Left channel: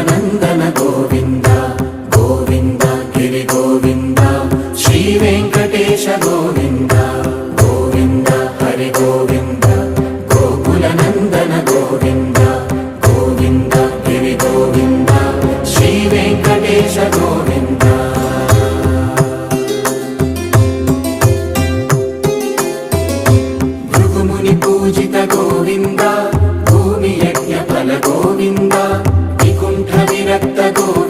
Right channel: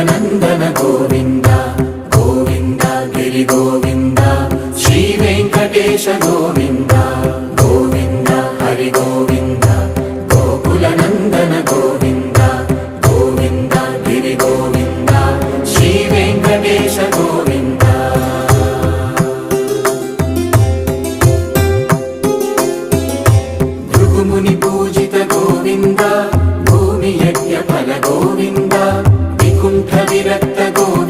నందన గోవింద గోవింద గిరి గోవింద శ్రీ వెంకటేశ గోవింద గోవింద హరి గోవింద గోకుల నందన గోవింద గోవింద గిరి గోవింద శ్రీ వెంకటేశ గోవింద భృగుముని పూజిత గోవింద భూమి యజ్ఞ ఫల గోవింద వికుంఠ విరక్త గోవింద